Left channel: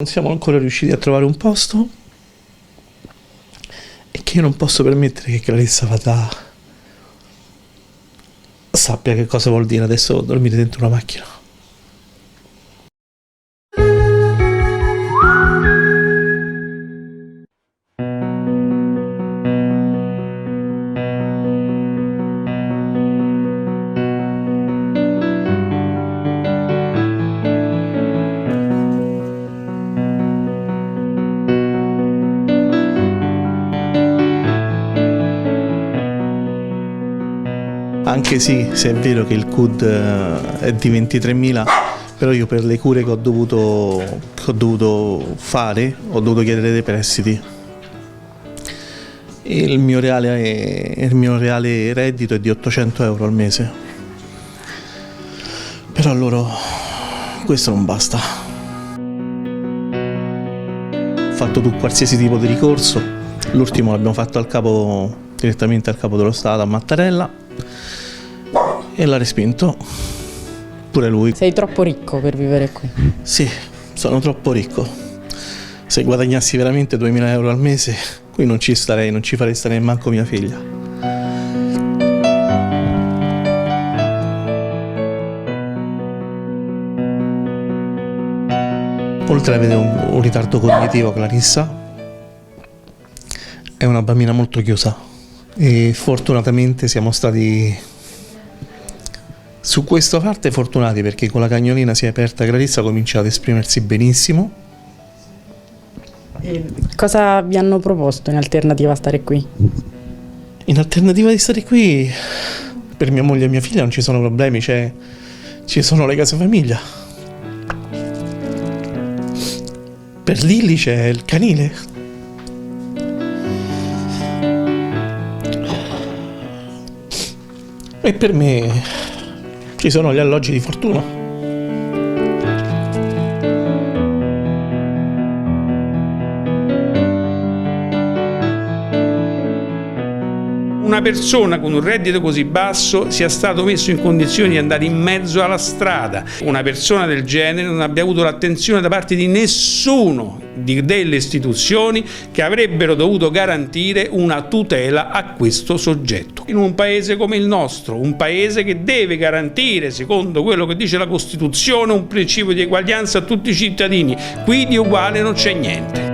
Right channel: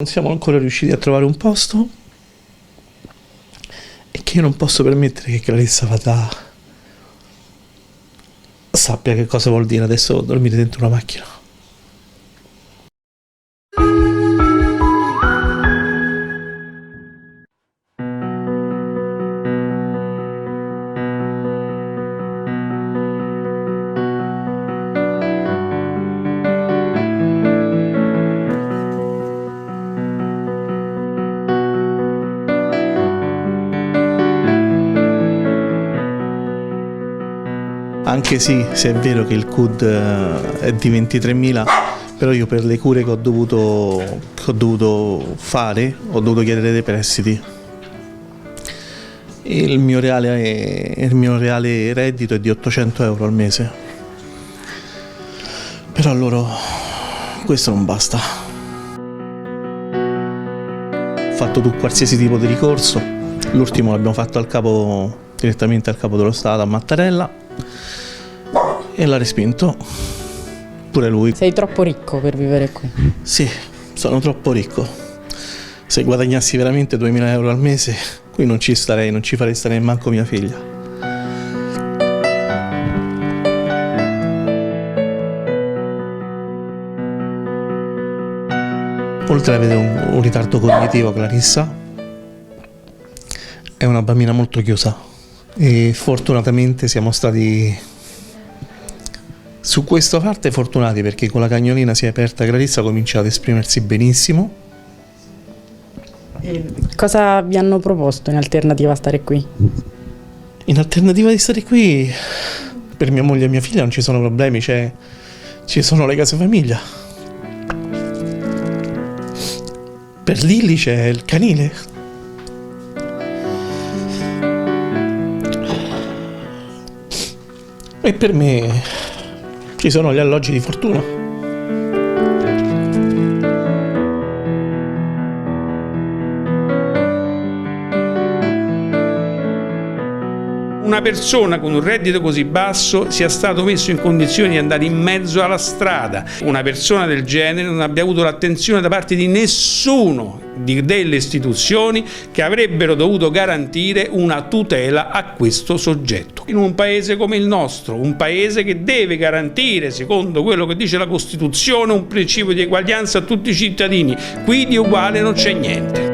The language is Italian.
Non siamo ancora riusciti a trovare un posto e che io non posso permettere che Clarissa vada sappia che cosa vuol dire adesso dormire dentro una macchina. Anche sì, se è vero che il CUD è di 23.000, però io per le cure che ho dovuto fare, ho dovuto chiedere dei prestiti. Il mio reale reddito è di 800 euro al mese. Però a loro questo non basta. Ho fatto qualsiasi tipo di ricorso, l'ultimo l'abbiamo fatto direttamente al capo dello Stato a Mattarella. E l'ha respinto pure lui. Sei troppo ricco per vivere qui? Sì, sono troppo ricco. Se guadagnassi veramente 2.000 euro al mese, qui non ci starei, non ci farei stare neanche mia figlia. Oltre ad avere un ritardo cognitivo, Clarissa è una bambina molto chiusa e fortunatamente siamo stati su questa parte fortunati, perché con la cagnolina si è aperta, Clarissa comincia ad esprimersi benissimo. E cosa vi hanno proposto in alternativa a stare qui? In alternativa di stare qui, per mia moglie e mia figlia non ci sono problemi, ci sono le case famiglia. Per Lilly c'è il canile. E per me ci sono gli alloggi di fortuna. Una persona con un reddito così basso sia stato messo in condizioni di andare in mezzo alla strada. Una persona del genere non abbia avuto l'attenzione da parte di nessuno delle istituzioni che avrebbero dovuto garantire una tutela a questo soggetto. In un paese come il nostro, un paese che deve garantire, secondo quello che dice la Costituzione, un principio di eguaglianza a tutti i cittadini, qui di uguale non c'è niente.